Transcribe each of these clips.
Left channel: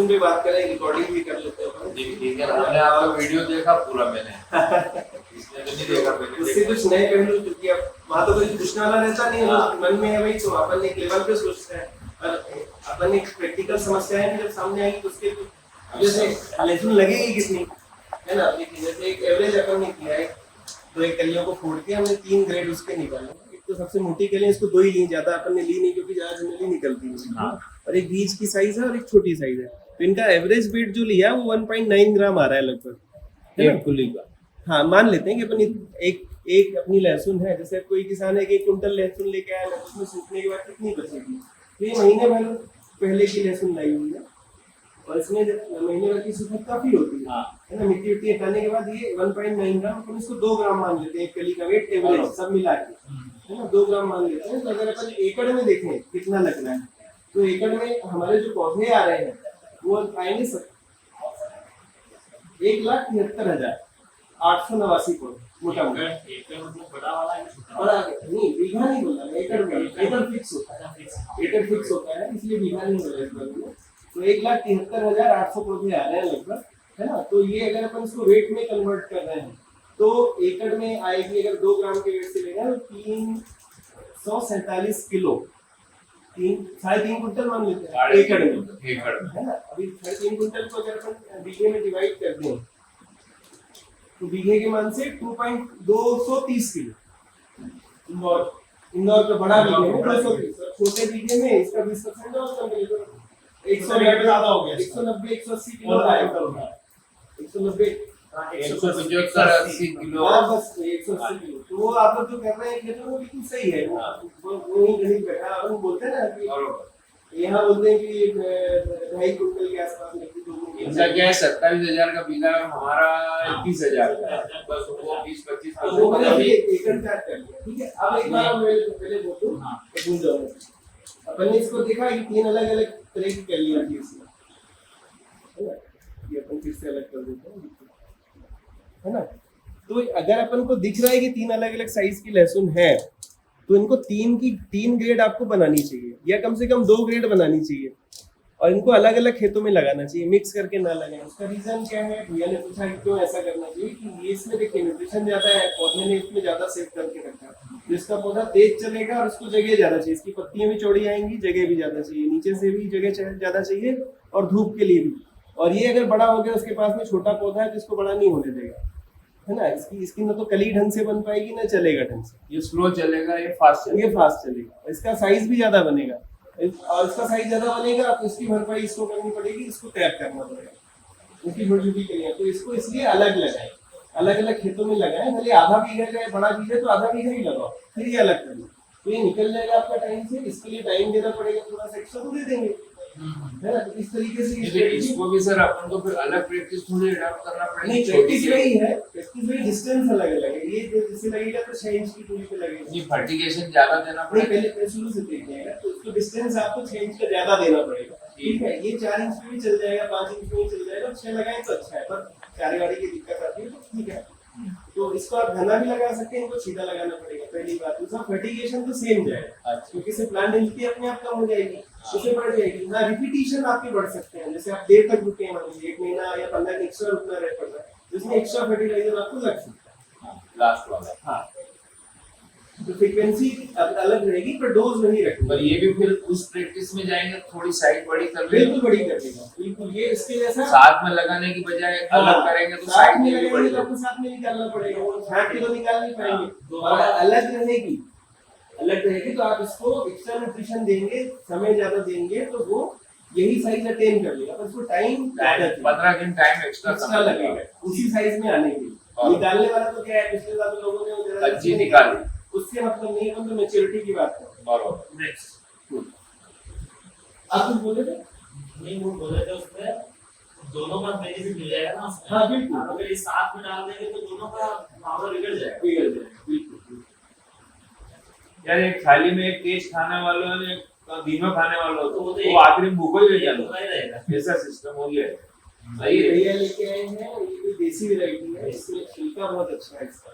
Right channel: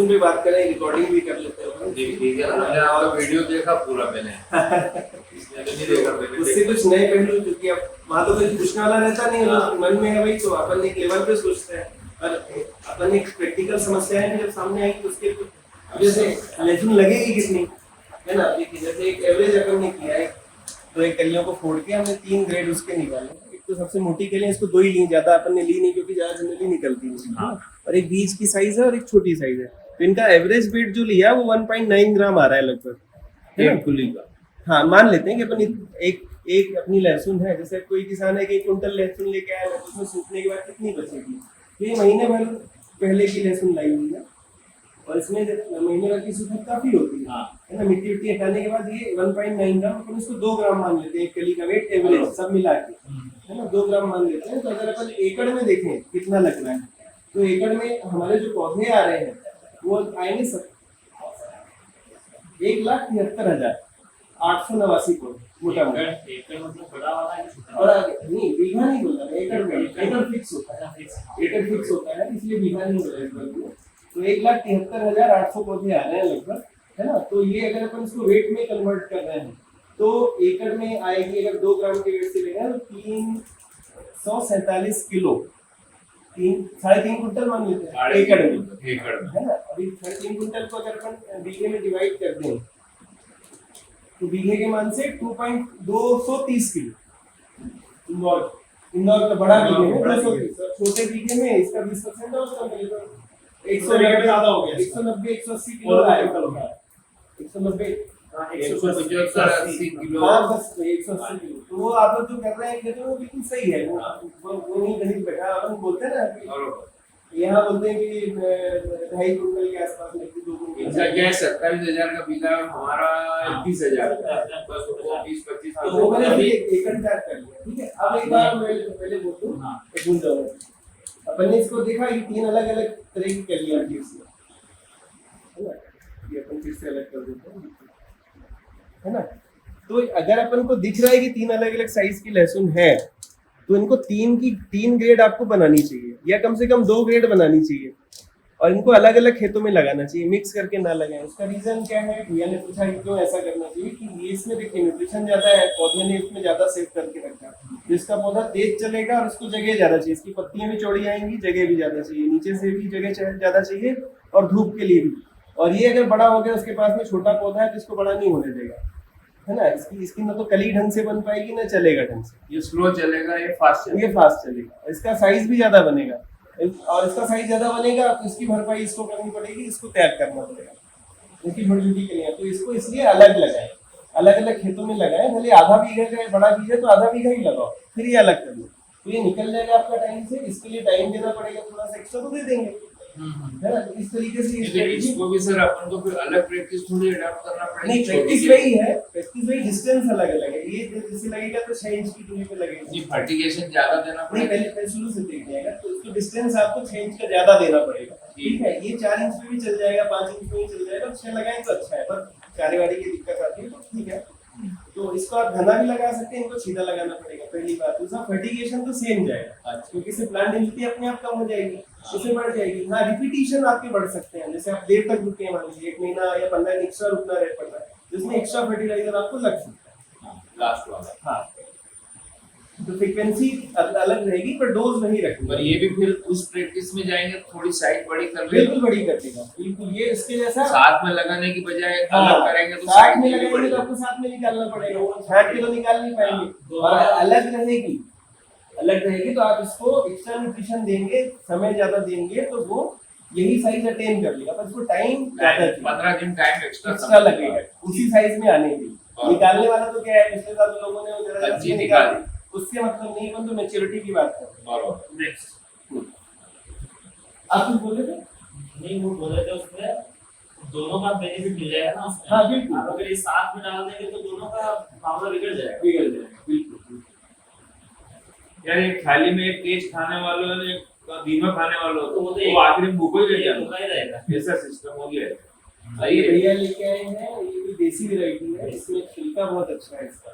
लहसुन पे बात करें, रिकॉर्डिंग भी कर लेते हैं। ठीक है, मैंने और वीडियो देखा पूरा मैंने इसमें तो नहीं देखा मैंने। उससे कुछ नए पहलू, क्योंकि अब वहाँ तो कोई पूछने वाला रहता नहीं है, लोग मन में है भाई, तो अपन एक लेवल पे सोचते हैं, और अपन एक प्रैक्टिकल समस्या है जब सामने आएगी तो उसके जैसे लहसुन लगेगी कितनी, है ना। देखिए जैसे एक एवरेज अपन ने किया है, तो एक कलियों को फोड़ के हमने 3 ग्रेड उसके निकाले। एक तो सबसे मोटी कलियां, इसको 2 ही ली, ज्यादा अपन ने ली नहीं क्योंकि ज्यादा जनरली निकलती है, और एक बीच की साइज है और एक छोटी साइज है। तो इनका एवरेज वेट जो लिया है वो 1.9 ग्राम आ रहा है लगभग, है ना? एक खुली का। हाँ, मान लेते हैं कि अपन एक अपनी लहसुन है, जैसे कोई किसान है कि 1 कुंटल लहसुन लेके आया, तो उसमें सूखने के बाद कितनी बचेगी, तो ये महीने भर पहले की लहसुन लाई हुई है, और इसमें महीने भर की सूखत काफी होती है ना। मिट्टी उट्टी हटाने के बाद ये 1.9 ग्राम, अपन इसको 2 ग्राम मान लेते हैं, एक कली का वेट एवरेज सब मिला के, है ना, 2 ग्राम मान लेते हैं। तो अगर अपन एकड़ में देखें कितना लग रहा है, तो एकड़ में हमारे जो पौधे आ रहे हैं वो आएंगे 1,73,889 पौधे, मोटा मोटा। बड़ा नहीं, बीघा नहीं बोला, एकड़ में, एकड़ फिक्स होता है, एकड़ फिक्स होता है, इसलिए बीघा नहीं बोला। तो 1,73,800 पौधे आ रहे हैं लगभग, है ना। तो ये अगर अपन इसको वेट में कन्वर्ट कर रहे हैं तो एकड़ में आएगी, अगर 2 ग्राम के वेट से लेना तो 347 किलो, 3.5 कुंटल मान लेते हैं एकड़ में, है ना। अभी 3.5 कुंटल को अगर अपन बीघे में डिवाइड कर दें तो बीघे के मान से 230 किलो। इंदौर का बड़ा बीघे में 230, छोटे बीघे में इसका 20% है, उसका 190 ज्यादा हो गया, 190 180 किलो आएगा, 190 180 किलो। हाँ बस 180 किलो। तो वो आप लोग जो कर रहे हैं वो बिल्कुल सही है, वो ही गणित बैठा। हम बोलते हैं ना कि यहाँ बोलते हैं कि 2.5 कुंटल के आसपास में 2 कुंटल, क्या 27,000 का बीघा, हमारा 21,000 का, बस वो 20-25 तो मैंने एकड़ चार्ज कर लिया, ठीक है। अब एक बार मैं पहले बोलूं तो भूल जाऊंगा। अपन ने इसको देखा कि 3 अलग अलग तरह की कलियां थी इसमें, है ना, ये अपन फिर से अलग कर देते हैं, है ना। तो अगर अपन को दिख रहा है कि 3 अलग अलग साइज की लहसुन है, तो इनको 3 ग्रेड आपको बनानी चाहिए, या कम से कम 2 ग्रेड बनानी चाहिए, और इनको अलग अलग खेतों में लगाना चाहिए, मिक्स करके ना लगाएं। उसका रीजन क्या है, भैया ने पूछा कि क्यों ऐसा करना चाहिए, कि ये इसमें देखिए न्यूट्रिशन ज्यादा है, पौधे ने इसमें ज्यादा सेव करके रखा, जिसका पौधा तेज चलेगा और उसको जगह ज्यादा चाहिए, इसकी पत्तियां भी चौड़ी आएंगी, जगह भी ज्यादा चाहिए, नीचे से भी जगह ज्यादा चाहिए, और धूप के लिए भी। और ये अगर बड़ा हो गया, उसके पास में छोटा पौधा है, जिसको बड़ा नहीं होने देगा, है ना। इसकी ना तो कली ढंग से बन पाएगी, ना चलेगा ढंग से, ये स्लो चलेगा, ये फास्ट चलेगा। इसका साइज भी ज्यादा बनेगा, और इसका साइज ज्यादा बनेगा तो इसकी भरपाई इसको करनी पड़ेगी, इसको त्याग करना पड़ेगा, इसकी छोटी छोटी कलियां। तो इसको इसलिए अलग लगाए, अलग अलग खेतों में लगाए, भले आधा बीघा का बड़ा बीघा तो आधा बीघा ही लगाओ, फिर ये अलग कर लो, तो ये निकल जाएगा आपका टाइम से। इसके लिए टाइम देना पड़ेगा, थोड़ा सा एक्स्ट्रा तो दे देंगे, है ना। तो इस तरीके से इसको भी सर अपन को फिर अलग प्रैक्टिस थोड़ी अडॉप्ट करना पड़ेगा। नहीं, प्रैक्टिस वही है, प्रैक्टिस वही, डिस्टेंस अलग अलग है। ये जैसे लगेगा तो 6 इंच की दूरी पे लगेगा, ये फर्टिगेशन ज्यादा देना नहीं पड़ेगा। पहले शुरू से देख जाएगा, तो उसको डिस्टेंस आपको 6 इंच का ज्यादा देना पड़ेगा, ठीक है। ये 4 इंच में भी चल जाएगा, 5 इंच में भी चल जाएगा, 6 लगाएं तो अच्छा है, पर चारेवाड़ी की दिक्कत आती है तो ठीक है। तो इसको आप घना भी लगा सकते हैं, इनको सीधा लगाना पड़ेगा, पहली बात। दूसरा, फर्टिगेशन तो सेम जाएगा, क्योंकि इससे प्लांट डेंसिटी अपने आप कम हो जाएगी, उससे बढ़ जाएगी। हाँ, रिपीटिशन आपके बढ़ सकते हैं, जैसे आप देर तक रुके, मान लीजिए 1 महीना या 15 दिन एक्स्ट्रा रुकना रह पड़ रहा है, जिसमें एक्स्ट्रा फर्टिलाइजर आपको लग सकता है, लास्ट वाला। हाँ, तो फ्रीक्वेंसी अलग रहेगी पर डोज नहीं रखेंगे। पर ये भी फिर उस प्रैक्टिस में जाएंगे, थोड़ी साइड बड़ी कर लेंगे, बिल्कुल बड़ी कर देगा, बिल्कुल। ये इसके जैसा साथ में लगाने की बजाय अलग करेंगे तो साथ साइड में में लगेंगे बड़ी तो आपको साथ में निकालना पड़ेगा, वो छाट के तो निकाल नहीं पाएंगे। और अलग रहेगी तो आप इसको एक्स्ट्रा न्यूट्रिशन देंगे, समय ज्यादा देंगे, तो वो यही साइज अटेन कर लेगा, पर उसको टाइम ज्यादा 15 दिन टाइम एक्स्ट्रा लगेगा उसी साइज में आने के लिए। निकालने वाला तो क्या है, पिछले साल लोगों ने अच्छी निकाली, उससे मतलब नहीं, अपन तो मैच्योरिटी की बात कर रहे हैं। बराबर। नेक्स्ट आप कुछ बोले थे? नहीं, वो बोले थे उसमें दोनों का बेनिफिट मिल जाएगा ना उसमें। हाँ बिल्कुल, अगर ये साथ में डाल देंगे तो दोनों का पावर बिगड़ जाएगा, बिल्कुल। यार एक थाली में एक तेज खाने वालों ने धीमा खाने वालों तो वो आखिरी में भूखो ही ये रह भूखा ही रहेगा। जाएगा, ऐसा सिस्टम हो गया है। ये भैया लेके आए हैं, ये भी देसी वैरायटी है, इसमें छिलका बहुत अच्छा है इसका,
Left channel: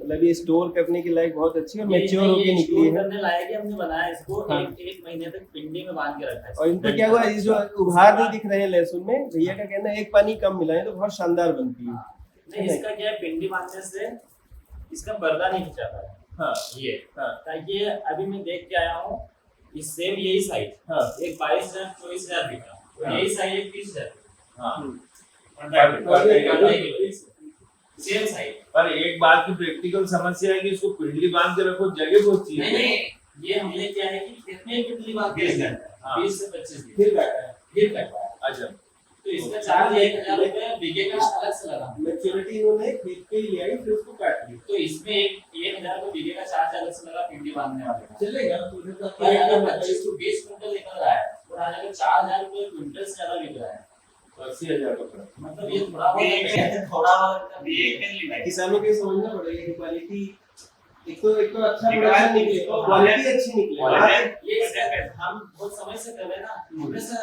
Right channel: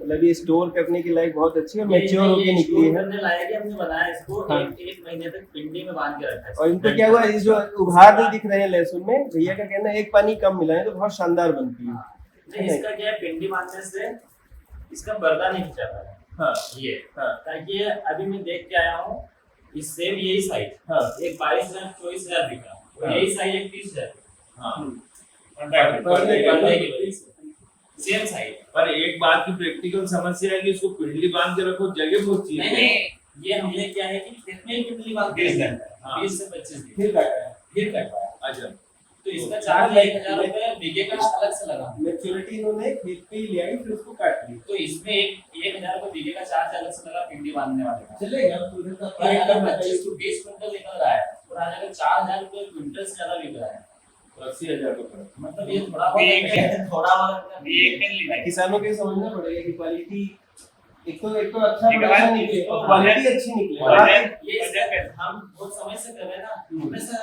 मतलब ये स्टोर करने के लायक बहुत अच्छी है और ये मैच्योर होके निकली है। करने लायक है, हमने बनाया इसको हाँ। एक महीने तक पिंडी में बांध के रखा है। और इनको क्या हुआ, ये जो उभार नहीं दिख रहे हैं लहसुन में, भैया का कहना है एक पानी कम मिला है तो बहुत शानदार बनती है। हाँ। नहीं, इसका क्या है, पिंडी बांधने से इसका पर्दा नहीं खिंचाता है। हाँ ये हाँ ताकि अभी मैं देख के आया हूँ, इस सेम यही साइज हाँ एक 22,000 24,000 बिका, और हाँ। यही साइज एक 30,000 हाँ। Same size. पर एक बात की प्रैक्टिकल समस्या है कि इसको पिंडली बांध के रखो, जगह बहुत नहीं चाहिए। नहीं, ये हमने क्या है कि कितने भी पिंडी बांध 20 दिन। 20 से 25 दिन फिर बैठा है। फिर करता है। अच्छा, तो इसका चार्ज 1,000 रुपये बीघे का अलग से लगा। मैच्योरिटी इन्होंने खरीद के ही ले आई, फिर उसको काट लिया। तो इसमें 1,000 रुपये बीघे का चार्ज अलग से लगा पिंडी बांधने वाले का। चलेगा तो उधर का और अगर 25 to 20 क्विंटल निकल रहा है और अगर 4,000 रुपये क्विंटल से ज्यादा बिक रहा है, 80,000 का फर्क। मतलब ये थोड़ा बहुत किसानों के समझना पड़ेगा कि क्वालिटी एक तो अच्छा प्रोडक्शन निकले, तो क्वालिटी अच्छी निकले। ये हम बहुत समय से कर रहे हैं ना, हमेशा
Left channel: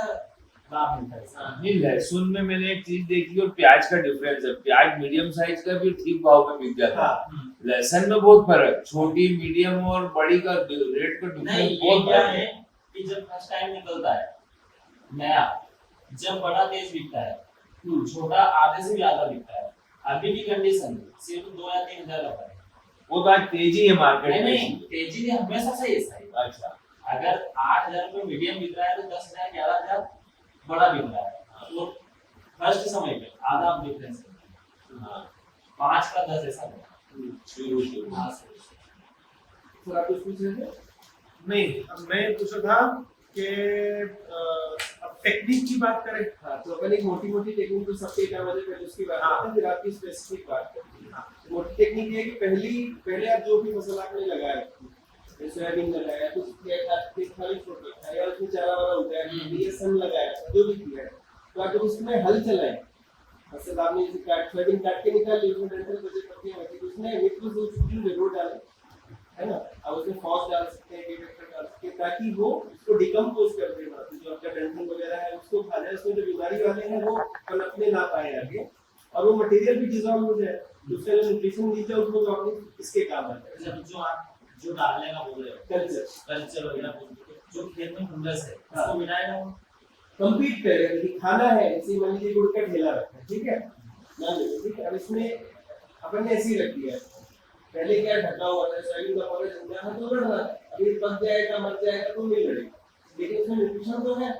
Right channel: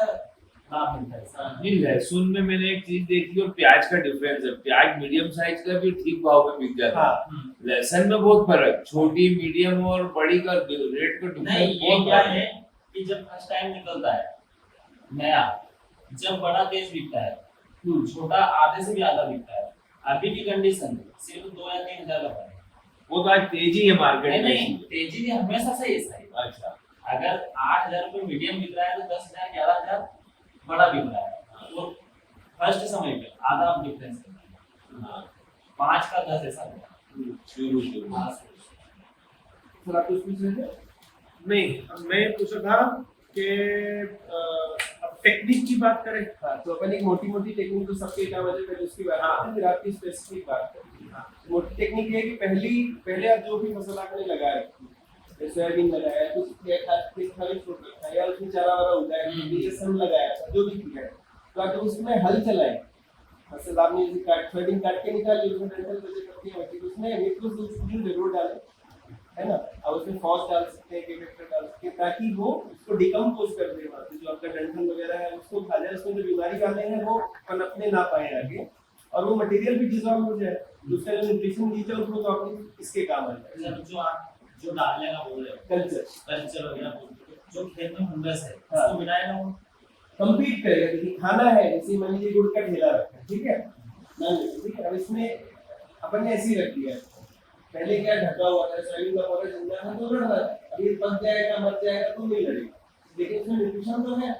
लाभ मिलता है इसका। नहीं, लहसुन में मैंने एक चीज देखी और प्याज का डिफरेंस है। प्याज मीडियम साइज का भी ठीक भाव में बिक जाता है। हाँ। लहसुन में बहुत फर्क, छोटी मीडियम और बड़ी का रेट का नहीं, डिफरेंस ये बहुत क्या फर्क है कि जब फर्स्ट टाइम निकलता है नया, जब बड़ा तेज बिकता है, छोटा आधे से भी आधा बिकता है। अभी की कंडीशन में सिर्फ 2 या 3 हजार का फर्क है। वो तो आज तेजी है मार्केट नहीं में। नहीं, तेजी भी हमेशा सही है सही। अच्छा, अगर 8,000 रुपये मीडियम बिक रहा है तो 10,000 11,000 बड़ा बिक रहा है। तो फर्स्ट समय पे आधा डिफरेंस है। हाँ, 5 का 10 ऐसा है। शुरू हाँ, थोड़ा कुछ पूछ रहे थे? नहीं, मैं पूछा था कि अब टेक्निक की बात करें। हाँ, तो अपन एक मोटी मोटी टेक्निक तो सबके एक आवाज में उसकी बात करते हैं, फिर आपकी स्पेसिफिक बात करते हैं। मोटी टेक्निक ये है कि पहले आप जो भी फसल आपने लगाया, जैसे सोयाबीन लगाया, कुछ खाली छोड़ रखा है या उसमें चारा वाला उगाया, ये सब लगाया, जो भी किया है, तो आप जब उसमें हल चलाएं, फसल आपने जैसे सोयाबीन काट के निकाल ली, उसमें डंठल बचे पत्ती होती है, उसमें निट्रोजन जरूर डालें, है ना। अब उसमें फॉस डाल सकते हैं, केमिकल डाल सकते हैं, ताकि वो उसको डिकम्पोज कर दे, जो आपका डंठल वगैरह है उसको खा जाए, उसमें जो बीमारी वाले हैं वो पनपने ना पाए आगे, और वो मटेरियल भी डिसॉल्व हो जाए, दूसरे जो न्यूट्रिशन दी जाए उसको, तो आपने इसके काम आता है। जो डालने का बोल रहे हो, कल्चर वगैरह बोल रहे हो, जो खेत में फंगस है उसको मिलाएगा वो कंप्लीट करेगा। देखिए खाना है, जैसे मान लीजिए गुड़ का ठेला रखा है, ठीक है, मान लीजिए, ठीक है, अब इसमें अपन ने ऐसे ही रख दिया है, पहले क्या ढका हुआ था, सोयाबीन का पौधा जम रहा है तो लड़ रहा है, अभी पक जाएगा मर जाएगा तो नहीं लड़ेगा, लेकिन उसमें न्यूट्रिशन तो है,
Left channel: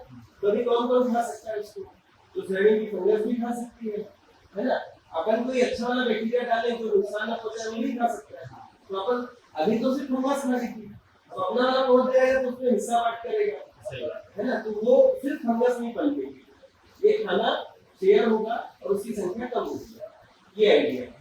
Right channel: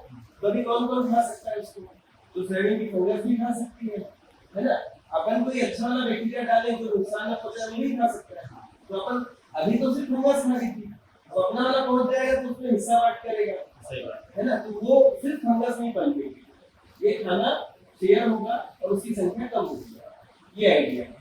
कभी कौन कौन खा सकता है उसको, तो सोयाबीन की फंगस भी खा सकती है ना। अपन कोई अच्छा वाला बैक्टीरिया डालें जो नुकसान ना पहुंचाए, वो नहीं खा सकता है, तो अपन अभी तो सिर्फ फंगस खा रही थी, अब अपना वाला पहुंच जाएगा तो उसमें हिस्सा बांट करेगा, है ना, तो वो सिर्फ फंगस नहीं पनपेगी, ये खाना शेयर होगा और उसकी संख्या कम होगी, ये आइडिया है।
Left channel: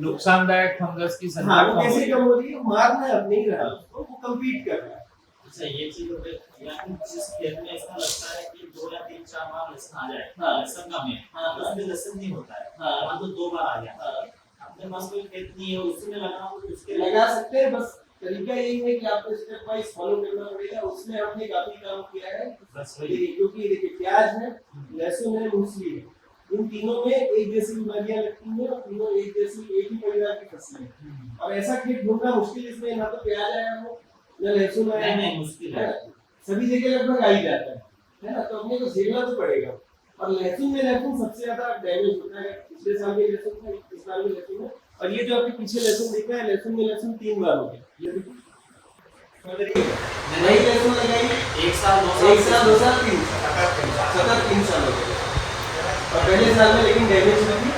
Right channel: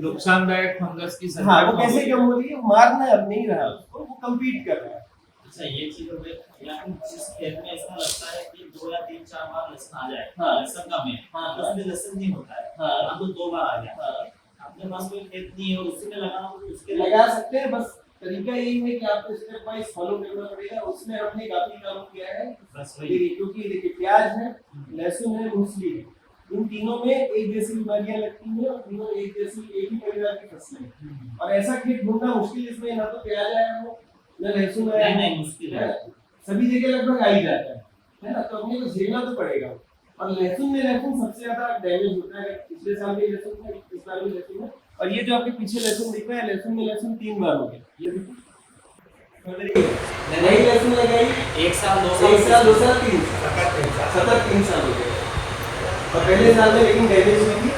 नुकसानदायक फंगस की संख्या हाँ, वो कम कैसे होगी। कम हो रही है, मारना अब नहीं रहा उसको, वो कम्पीट कर रहा है। अच्छा, ये चीज हो गई। या फिर जिस खेत में ऐसा लगता है कि 2 या 3-4 बार लहसुन आ जाए, हाँ। लहसुन का में, हाँ। उसमें लहसुन नहीं होता है, हाँ। तो 2 बार आ गया, हाँ। अपने पास कोई खेत नहीं है, उसमें लगाना हो तो उसके लगा सकते हैं, बस तरीका यही है कि आपको स्टेप वाइज फॉलो करना पड़ेगा। उसमें हमने काफी काम किया है, बस वही। क्योंकि देखिए प्याज है, लहसुन है, मूंगफली है, इन तीनों में एक जैसी बीमारियां लगती हैं और तीनों एक ही परिवार की फसलें हैं, और ऐसा खेत ढूंढना मुश्किल, इसमें ना तो प्याज आया हो ना लहसुन आया, नहीं मुश्किल है, सभी जगह लगभग आ ही जाता है ना, तो अपने को झेलना तो पड़ेगा। और लहसुन सबसे ज्यादा डैमेज होता है, पिछले साल में लहसुन है, इस साल में लहसुन है, और ये जो आपके पीछे लहसुन दिख रहा है, लहसुन 3 बार हो गया, ये देखिए नई लहसुन लगाई 1 साल 2 1 साल 2 साल 3 सतत 3 साल हो गए, और पहले साल में लेकिन डैमेज हुई थी,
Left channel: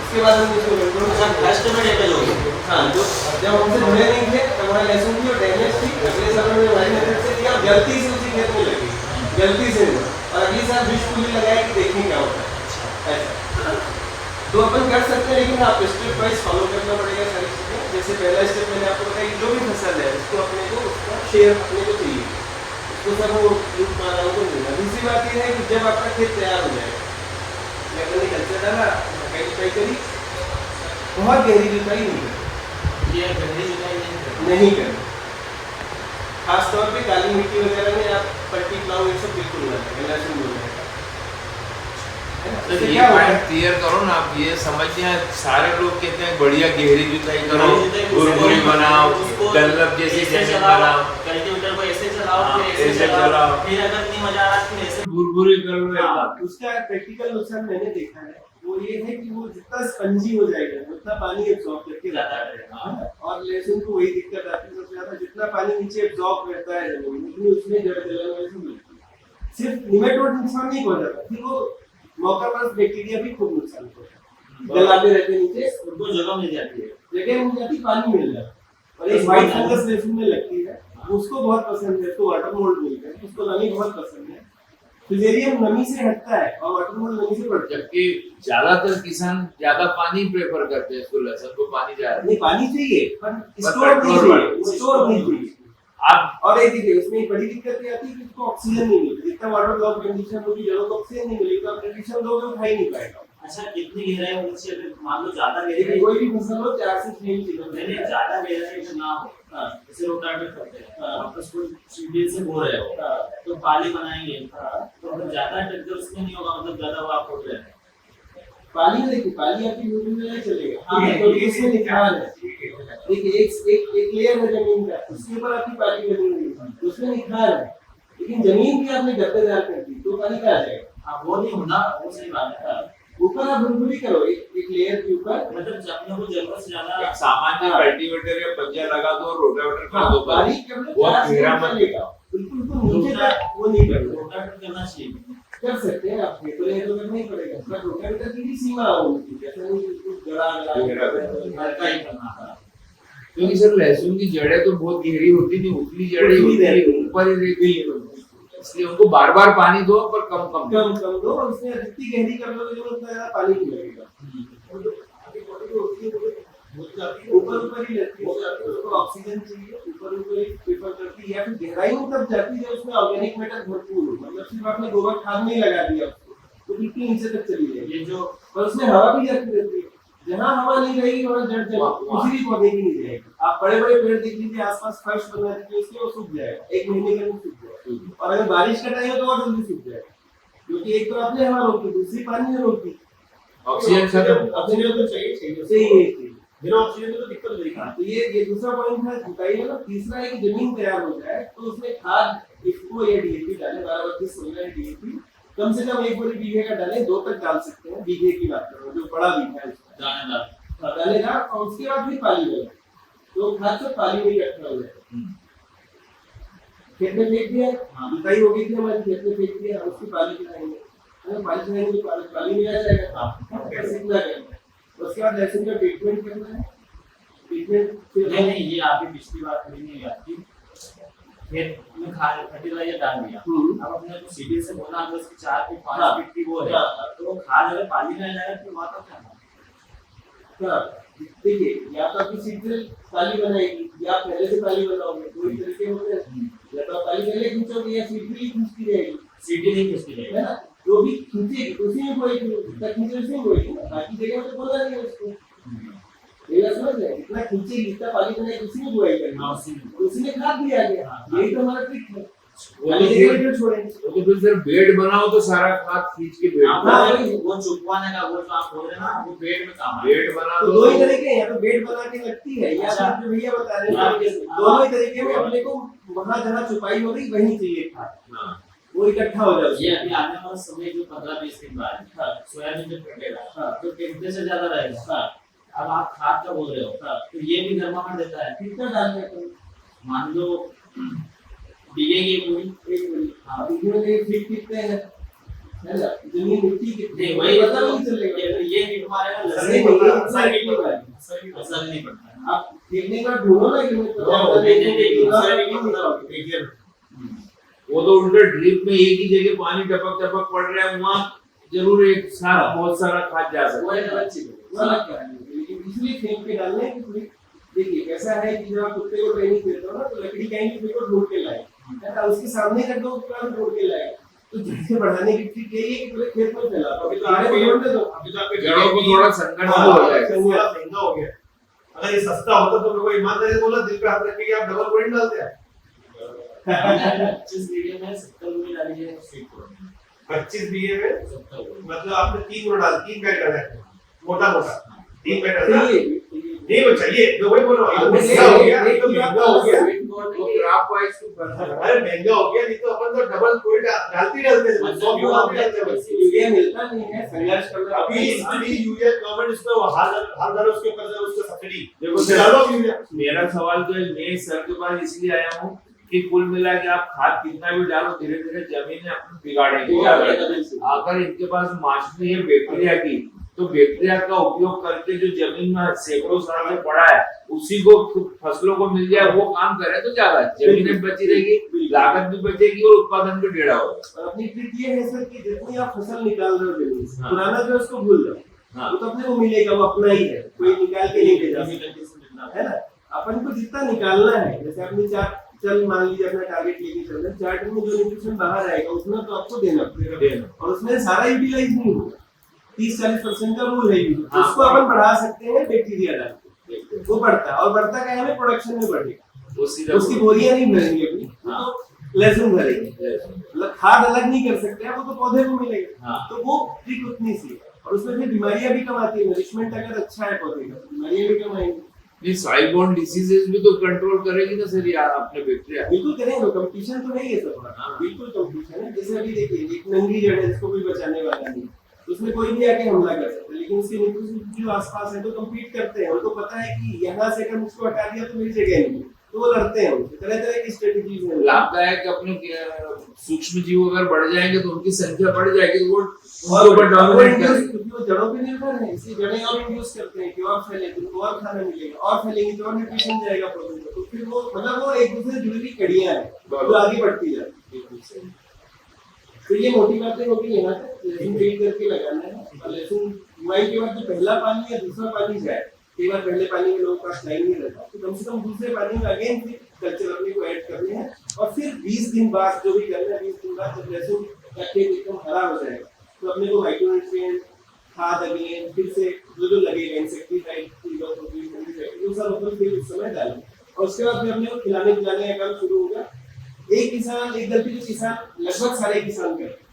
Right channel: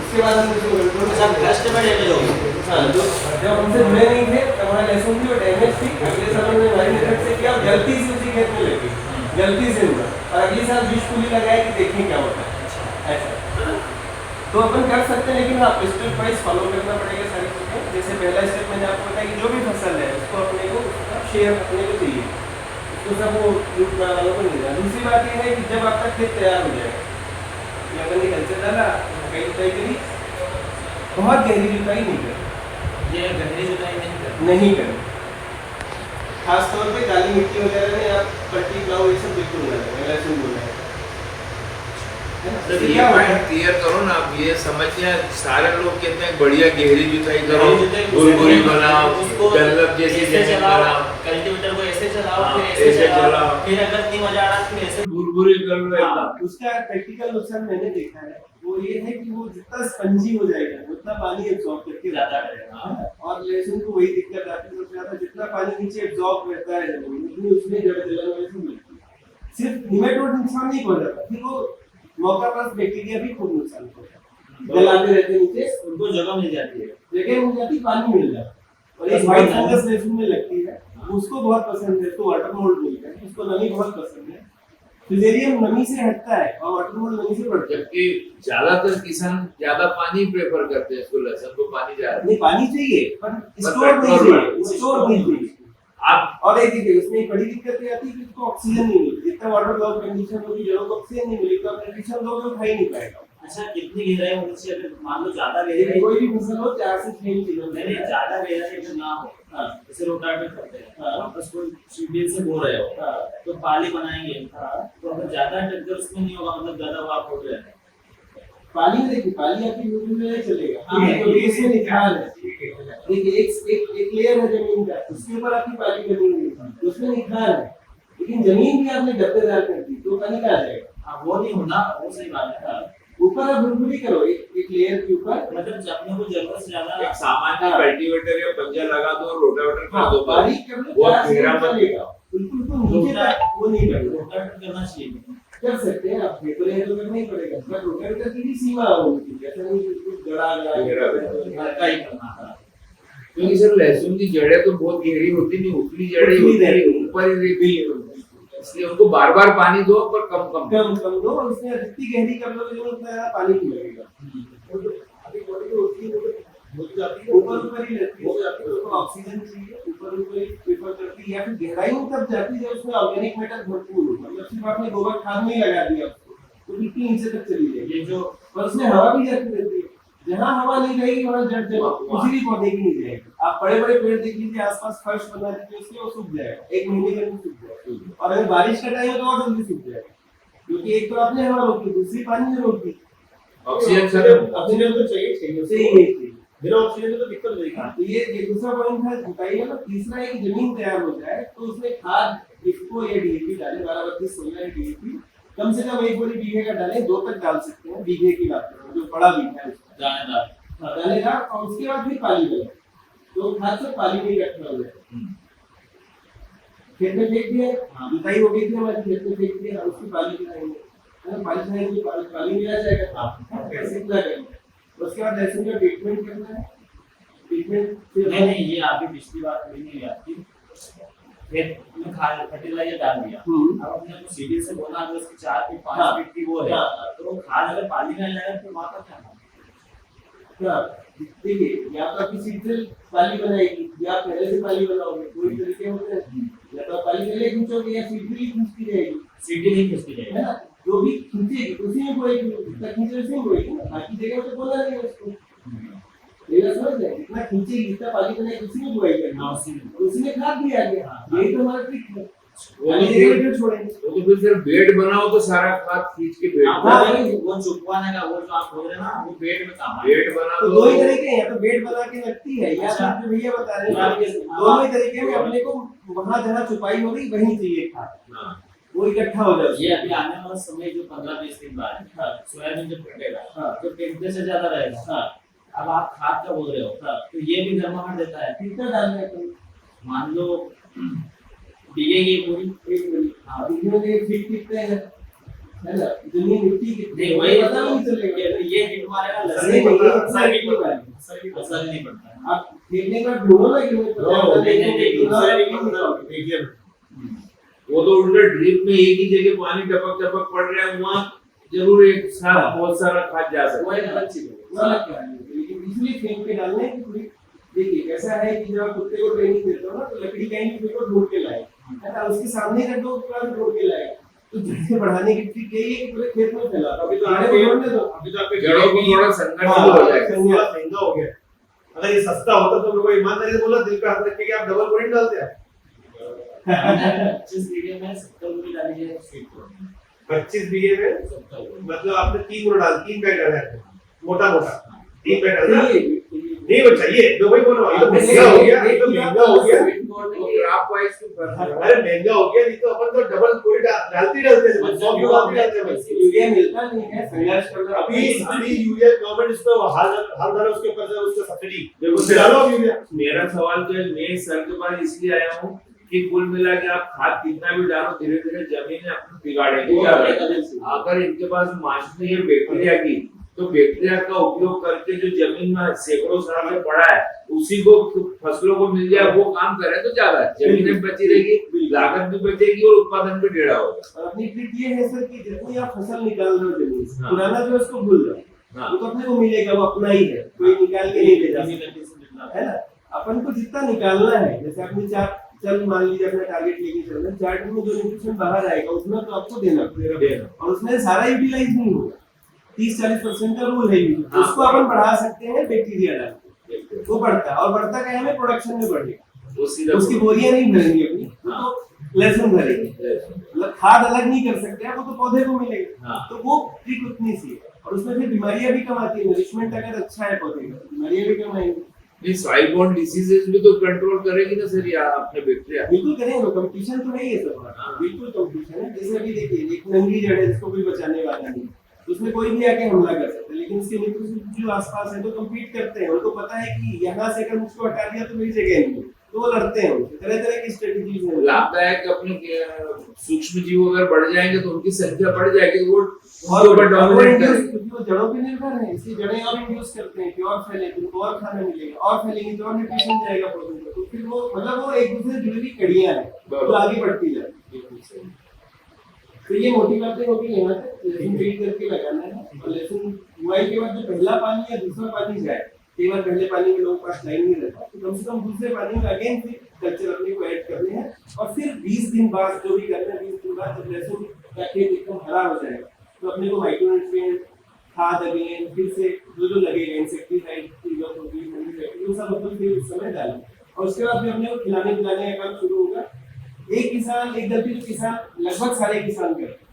उसके बाद हम फर्स्ट में डैमेज हो गया। हाँ, जो जब हमसे जुड़े नहीं थे तब हमारी लहसुन की डैमेज थी, अगले साल में हमारी मेहनत से किया, गलती से उसी खेत में लगी, गलती से हुआ, और अगले साल बीज फूली लगाया कि देखने क्या होता है, ऐसा तो अपन कर सकते हैं, लेकिन आपको स्टेप वाइज फॉलो करना पड़ेगा सारी चीज़ें। जैसे पहला स्टेप मैंने आपको बताया कि जो भी फसल है उसको अपने को उसका शेयर अपने को चाहिए, उसको सब वो यूज वालों को मिलेगा। दूसरी बात यह है कि जब आपका खेत तैयार हो जाएगा, मैंने कल्चर डाला, कहीं करी, बहुत गहरी जुताई नहीं करनी, ये गहरी जुताई नहीं करनी, खास तौर पे काली मिट्टी वगैरह में आप पट्टी प्लाव ये सब बिल्कुल हो जाएगा, लहसुन हो जाएगा, तो इससे ये क्या होता है? पॉइंट क्लियर करो ना, आप ये समझिए सारे लोग कहते हैं बढ़िया गहरी जुताई करो, गहरी जुताई उसको बुरबुरी नहीं बनाओ, उसको डनलप जैसी ऐसे जमीन चलाओ, बनाओ, कल्टीवेटर को ऐसे चलाओ, हाँ, फिर ऐसे ऐसे चलाओ, चलाओ। फिर अगर नहीं मजा आ रहा फिर ऐसे। बुरबुरी कर लो हाँ, एकदम। उसका प्रैक्टिकल नुकसान मैंने देखा है, वो ये है कि वो जितना स्पंजी हो जाएगा उतना पानी एब्जॉर्ब करके ज्यादा जाता है। करेगा। हाँ, और लहसुन को वही दिक्कत आती है सबसे ज्यादा, जितना पानी नीचे एब्जॉर्ब रहता है जमीन में, उतनी उसमें जड़ जलन वैसे मिलती है। सिर्फ निमेटोड नुकसान नहीं पहुंचाता, फिर वो मौका पर बैक्टीरिया भी खूब नुकसान पहुंचाता है। गलाते रहते हैं नीचे, उनको जगह मिल जाती है, जगह मिल जाती, पानी मिल जाता है। और एक व्हाइट फंगस लहसुन में लगती है, उसको बहुत पसंद है, उसको वाटर मोल्ड बोलते हैं, उसको नमी बहुत पसंद है। फिलेरियम नमी से हटता है और वाटर मोल्ड नमी से बढ़ता है। जबकि ज्यादातर किसान ज्यादा पानी प्रेफर करते हैं, इसको लहसुन को पानी ज्यादा नहीं, पानी चाहिए पर स्टोर नहीं कंट्रोल चाहिए, स्टोर नहीं चाहिए। आप और एक देखिए उसमें एक बड़ी दिक्कत ये आती है कि उसको ऑक्सीजन नहीं मिलती, जितना वाटर लॉग कंडीशन होगी, जड़ों को ऑक्सीजन नहीं मिलेगी, तो कंडीशन लोग जो खा ही नहीं पाएगा। अच्छा कितनी गहराई होनी चाहिए? अगर मान लो ज्यादा लेकिन गहराई, कोई भी फसल हो 4 से 6 इंच नहीं नहीं ज्यादा गहराई अगर ना हो, हाँ। जैसे रोटावेटर करते हैं, हाँ। वापस कोई सीढ़ी से बो रहे हो, हाँ। तो पाली बनाएंगे, हाँ। तो अगर ज्यादा टक्कर उसमें नहीं होगा, मतलब ज्यादा वो आप हो जाएगा। पानी में देखिए, पानी आपकी यूरिन में नहीं चलेगा, हाँ, क्योंकि इसमें निखार है। देखिए एक लेयर है जमीन का, उसके ऊपर आपकी पानी बनी हुई है, उसमें निखार है, लेकिन जमीन भी आपने गद्देदार कर दी तो पानी कहाँ जाएगा? हाँ वो नहीं होना, वो सही बात है। ऊपर आप बुरबुरी करो, एक लेयर के ऊपर। मतलब जब अपने को जरूरत से ज्यादा एक सामान्य हाँ। कल्टीवेटर या पंजा लगा दो, रोटावेटर कर हाँ, दो, बारीक कर लो, बहुत 4 से गहरा 6 मत चलेगा, बिल्कुल तो नीचे तक वो नहीं करना। रोटावेटर करना चाहिए। कर सकते हैं आप, पेपर है तो नहीं पड़ेगा, पर रोटावेटर की भी सीमा होगी, जैसा नहीं बिल्कुल गड़ा गहरा गड़ा हल्का ही करना है। क्योंकि सर लहसुन की जड़ें तो बहुत गहरी होती नहीं, उतनी जड़ें उतनी होती है, रहती है। ऊपर ही रहती है, इसलिए उनको बार बार पानी दो पर कम कम कम कम दो, और उसमें जितनी गहरी कर लोगे जो उतना ज्यादा पानी नहीं लगेगा। और जो आगे बॉडी जो होती है वो जाती है ऊपर ही रहती है, उसको ऑक्सीजन चाहिए, ऊपर ही प्रेफर करती है, या फिर गहराई में तब जाती है उसमें ऑर्गेनिक मैटर भरपूर हो, मतलब सिर्फ आपने गोबर खाद नहीं लगा दिया उसको तो कितनी नीचे तक चली जाएगी। ये जो और उसमें हवा भी जाती रहती है, जहाँ हवा नहीं रहेगी वहाँ जड़ किसी भी पौधे की नहीं जाएगी। आप बड़े बड़े पेड़ देख लीजिए, आसपास फर्श बना दीजिए उसके, वो सूख जाएगा, 1 महीने के अंदर सूख जाएगा। और अगर बारिश का टाइम है तो और जल्दी सूख जाएगा, क्योंकि एक तो आपने हवा रोकी, दूसरी पानी में रोकी, ऑक्सीजन खत्म। ऑक्सीजन तो चाहिए चाहिए, बिना ऑक्सीजन के तो दिक्कत नहीं है। तो ये दूसरा पॉइंट था जुताई वाला। तीसरा है कि जमीन तैयार हो जाए तो उसमें खाद इसको या डीएपी डालें, 12-32-16 डीएपी कम से कम 1 बोरी बीघे का डालें, 2 तक डाल सकते हैं, बीघे की बात कर रहा हूँ, जो बड़ा बीघा है उसका दानेदार डालेगा, और उसके बाद फिर पानी देगा, तो खाद से पानी में इकट्ठा हो जाएगा। खेत में फेंक दिया, जुताई हो गई थी हमारी, खेत में फेंक दिया, उसकी पानी पिलाएंगे, अगर पानी पिलाएंगे तो पानी मिला जाएगा, ऐसे पूरा करेंगे। उसके बाद लहसुन का ट्रीटमेंट करना है, ट्रीटमेंट फिर नहीं नहीं, ये आपकी पिछली बात थोड़ी नहीं हुई आपकी। खेत में खाद फर्टिलाइजर डाल दिया, अब अपने को सीढ़ी से बोना, अगर उसकी 4 फीट 5 फीट की वो है, तो वो खाद अगर पानी में जाएगा तो वहाँ का क्या होगा? देखिए, या तो आपकी सीट से पाली बनाएगी या पहले से पाली बनाओगे, दो ही तरीके होते हैं, या तो आप पाली पहले खींचोगे या सीट भी खींचती रहेगी, सीढ़ी नहीं खिसकी है जाएगी। ना, जो भी खींचेगी उसी में बोएगी, जितना खींचे उसी में बोएगी ना, बाकी जगह में तो बोला नहीं है उसको, ये बात समझ रहे हैं, जितना खींचेगी जितना पाली बनाएगी उसी में बुआई करनी हाँ, है, उसी में। उसी में खाद भी आ गया, यही तो हमारा ट्रिक है। वो पाली तो जगह फिर- में छोड़ेंगे, वो तो फिर सिर्फ बेड बनाओ तो सारा खाद खींच के बेड आप हाँ, बोल रहे वही। हैं, वो चुपवाने का वो जो आप बोल रहे हैं ना, वो पेट में काम है। बेड बना तो दो, 2 ही तरीके हैं, या तो बेड बना के लगती है, या अच्छा। फिर जो भैया बता रहे हाँ, हैं, दोनों ही तरीके में अपने को वहाँ जहाँ छुपाई हो गई वहीं चाहिए खाद, हाँ, वो इकट्ठा हो जाए। ये अभी आने वाला समय जो 15-20 दिन बाद है, हाँ। सोयाबीन जब कटेगा, हाँ। तो टेम्परेचर ज्यादा रहेगा। हाँ। अब आप खाद का बोल रहे हो, हाँ। तो ये भी गर्माहट देता है। कितना डालना है तुम? मान लो बीघे की पूरी, एक मिनट, हाँ, इसमें ये फीट कितने हैं, है ना, जमीन मिट्टी कितनी नहीं है, वही पता नहीं चलेगा। ये हिट मारेगा, असर लसने नहीं को पड़ता, असर नहीं पड़ता। असर नहीं पड़ता है। आप देखने का ढूंढो ना कि मैं हाँ, वो तो उल्टा ड्रिप में एक ही जगह पानी टपक टपक पड़ रहा है, वहाँ जरूर एक साथ बहुत सारा खाद जा सकता वो है। एक अलग चीज है, वो अलग क्या है, लेकिन इसलिए खेत पे डालने की थोड़ी, देखिए कैसा है कि जब आप कुत्ते को ट्रेनिंग देते हो ना, तो लकड़ी कहीं भी फेंको ढूंढ के लाए, है ना, उसके सामने कर दो उसके बाद ढूंढ के लाए, तो जिससे बढ़ाने की ट्रिक यही है कि पूरे खेत में फैला दो, अभी तो आगे ढूंढने दो, अभी तो आपके जड़ों को थोड़ा संघर्ष हाँ, हो जाएगा। थोड़ा महंगा हो गया। अगर ये सस्ता होता तो लोगों ईमानदारी से बोला, दिल पे हाथ रख के कि आप डबल बोरिंग डालते हैं। 25 बीघे में 70 रुपये डाली है, सीट को 25 बीए में मतलब आपने 3 गुना डाल 3 पैक डाला है मोटा मोटा 3 पैक डाला नहीं बच्चा ये तो वही बोल रहा हूँ ये तो महंगा हो गया ये तो महंगा हो गया ग्राफ वाइज तो फर्क है। अरे महंगा हो गया नहीं तो अपन तो डबल कोई डालते हैं 100 की बात भी डालते हैं यूरिया मिलता नहीं है, संघर्ष कर रहा है। अभी यूरिया गवर्नमेंट इस पे हाल दर उसके ऊपर से उसका सब्सिडी डालो यूरिया। मेरा सवाल तो मैं सर के पास इसलिए आया हूँ कि कुल मिला के आप खाद कितना भी डालो धीरे धीरे जमीन अपनी बिगाड़ेगी। अगर इनके पास मास्टरी है बैक्टीरिया की तो बैक्टीरिया का उपयोग करके जो जमीन में सैकड़ों साल से पड़ा है उसी को फसलों को मिल जाए वो काम करे तो ज्यादा जमीन बची रहेगी, लागत भी बचेगी और उत्पादन भी टेढ़ा होगा। और अपनी ट्रिक ये है सर कि जितनी आप फसल निकाल रहे हो जमीन से, पुराना जो है उसको भूल जाओ, वो तो अपने को मिलेगा, वो अपना ही है, कोई निकाल के नहीं भेजा है ना। अपन को जितना निकालना है, जैसे अपनी चल मान लीजिए अपना टारगेट लेके चल रहे हैं, 4 टन में जो न्यूट्रिशन बाहर आएगा उतना तो आपको देना और उसमें सारा यूटिलाइज नहीं होगा। 30-40% का रूल है उसको अपन बढ़ा सकते हैं बैक्टीरिया डाल के, वो बढ़ता है और बढ़ता क्या है प्रोडक्शन में बढ़ेगा। उसकी बोरियां नहीं भरेंगे अपनी, तो लहसुन भरेंगे, मतलब खाद अलग नहीं कर सकते हैं, वो तो पौधे को मिलेगा। तो वो ट्रिक उतनी सी है और उसमें फिर बीमारियां भी कम आती है। नरिशमेंट अगर अच्छा है पौधे का, बीमारियां भी कम आएंगी। ये सॉइल बोर्न डिसीजेस भी तो कंट्रोल करेगी ना सर यार अपने बैक्टीरिया। बिल्कुल करेंगे, कंपटीशन तो नहीं है सर, बिल्कुल कंपटीशन है। जैसे अभी देखिए एक नंगी जड़ है जिसको कोई बचाने वाला नहीं, उसमें कोई भी आके हमला कर सकता है, लेकिन उसके न्यूट्रिशन जो आसपास है तो कम्पीट करते हैं। उनको पता है कि यहाँ से अगर मुझको हटा दिया तो मेरी जगह नहीं, तो वो लड़ते हैं। उनसे तरह तरह की स्ट्रेटेजीज हैं। लाभदायक अपने सूक्ष्म जीव अगर बढ़ जाएंगे तो उनकी संख्या बढ़ जाएगी, वो ऊपर डोमिनेट करेंगे। वो जड़ों पे निर्भर है, इसलिए जड़ें और इंड्यूस करते हैं कि और फैले, उनको और खाना मिलेगा, और फैलेंगे तो और न्यूट्रिशन जाएगा पौधे को। तो फिर वो मतलब वो एक दूसरे से जुड़ी हुई कड़ियां हैं, तो आगे बढ़ती जाती है। तो ये मोटी बातें होगी यहाँ तक, लहसुन फीड करके लगाना है। और लहसुन बुआई के बाद जो पहला पानी या दूसरा पानी जाए, कई बार पहले पानी में लोगों के पास टाइम नहीं रहता, तो कम से कम दूसरे पानी में अगेन फिर कल्चर अपने को ऐड करने हैं। और फिर 20 दिन बाद जो भी करना है, 20 दिन बाद जब लहसुन का खेत एकदम हरा हो जाएगा तो अपने को माइक्रोन्यूट्रिएंट खाद अगेन फिर से जो लगेगा, इंसेक्टिसाइड वो सब मतलब फिर उस समय डालें। और उसके बाद फिर अपने को खिलाने पिलाने का काम शुरू होगा। एक गलती जो किसान लगभग सारे किसान करते,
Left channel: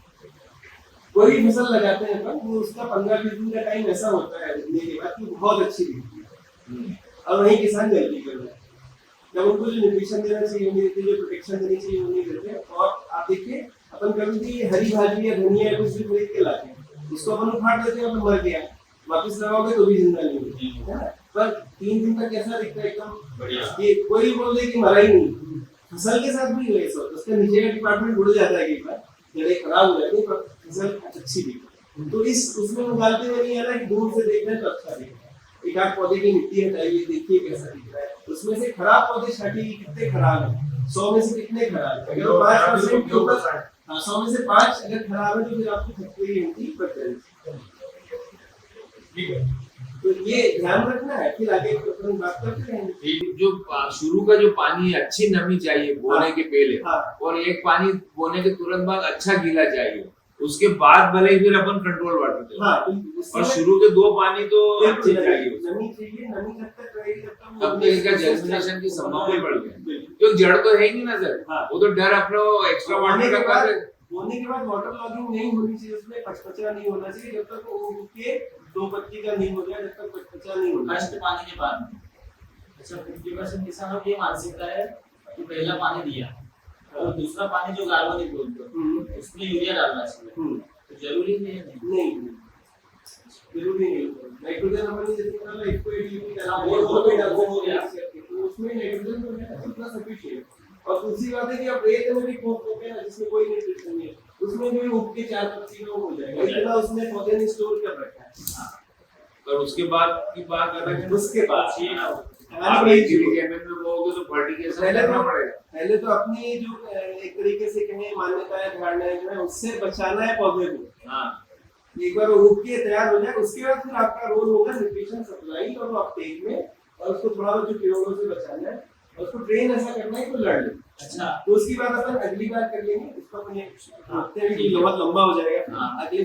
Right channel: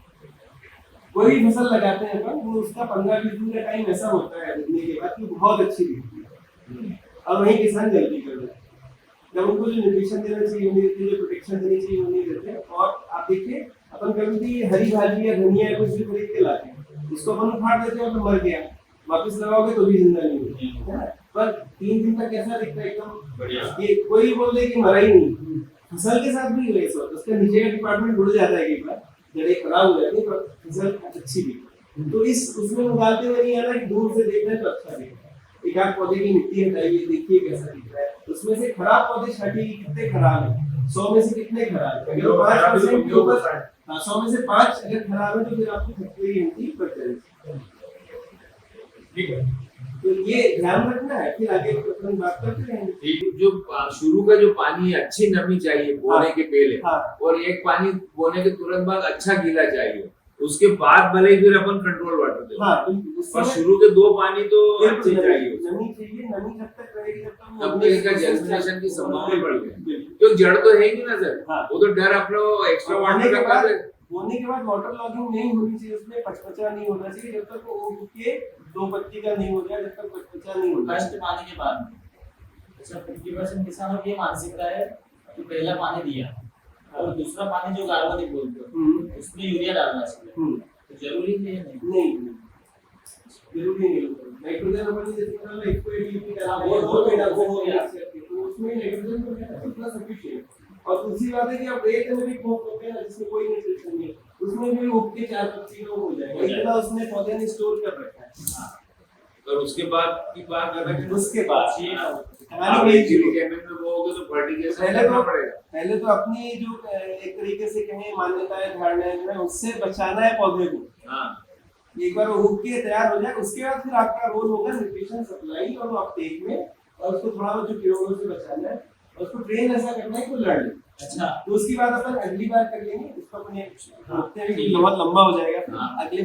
कोई फसल लगाते हैं अपन, वो उसका 15-20 दिन का टाइम ऐसा होता है उगने के बाद कि बहुत अच्छी दिखती है। और वही किसान गलती कर रहे हैं, जब उनको जो न्यूट्रिशन देना चाहिए नहीं देते, जो प्रोटेक्शन देनी चाहिए वो नहीं देते। और आप देखिए अपन कभी हरी भाजी या धनिया या कुछ भी खरीद के लाते हैं, उसको अपन उखाड़ देते हैं और मर गया, वापस लगाओगे तो भी जिंदा नहीं होती है ना। पर 3 दिन तक कैसा दिखता है एकदम बढ़िया, ये कोई बोले कि मरा ही नहीं। फसल के साथ भी वैसा होता है, उसका नीचे का डिपार्टमेंट जुड़ जाता है, एक बार जड़ें खराब हो जाती है पर फसल अच्छी भी। तो इस उसमें निकालते हुए नहीं आना कि दूर से देख रहे तो अच्छा दिखता है। एक आध पौधे की मिट्टी हटाइए, देखिए कैसा दिख रहा है, उसमें से खराब पौधे छाटिए, कितने खराब है, 100 में से कितने खराब है। अगर 5% के ऊपर 100 में से 5 अगर खराब है तो फिर आपको 30% ठीक है। तो ये ध्यान रखना है, फिर आगे अपन बात करते रहेंगे। जो शुरू का जो पानी है अच्छी नमी चाहिए बोने के पहले, और एक पानी बोने के तुरंत बाद अच्छा गीला चाहिए, उसके बाद भले फिर अपन कंट्रोल वाटर दें। और शुरू के 2 पानी तो अच्छे चाहिए, नमी चाहिए, नमी जब तक रहेगी तब तक तब तक इनका जर्मिनेशन की संभावना बढ़ गई। क्योंकि जड़ तो है ही नहीं ना सर, वो तो डर अपना एक्स्ट्रा वाटर का कर। बोने के बाद वाटर लॉगिंग नहीं होनी चाहिए, उसमें पचपचा नहीं होना चाहिए जब तक वो उग के 2 पत्ती का नहीं हो जाए, जब तक पचपचा नहीं होना। फर्स्ट पानी के बाद अच्छा 50% किसानों की ये मानसिकता है कि पहला पानी दिया और दूसरा पानी जो कार्बनिक बोलते उसमें यूरिया डालना चाहिए, तो जरूरी नहीं है। नहीं जरूरी नहीं, नाइट्रोजन अपन जैसे मतलब 180 डालना वो हो गया, तो उसमें नाइट्रोजन तो है उतना सफिशिएंट। और दूसरी बात है कि अब रेत में भी कोप होते हैं जिसमें कोई न्यूट्रिशन नहीं, उसमें भी उग के 4 पत्ती हो जाएगा, इतना उसने पौधे ने स्टोर कर रखा है। और उसके बाद की बात अलग है, उसके बाद पहले तो अपनी जो एक तरीके से कहें मान्यताएं धारणाएं हैं उससे बचाना है पौधे को। एक बार उग के तैयार हो जाए उसके बाद फिर आपका रोल होगा न्यूट्रिशन सप्लाई और अपटेक में, और उसको थोड़ा जो कीड़ों से बचाना है, उसको ट्रेन ऐसा करना है कि लड़ ले। अच्छा, तो उसकी बात अपन अगली बार कर लेंगे, इसको अपने बहुत लंबा हो जाएगा। अगले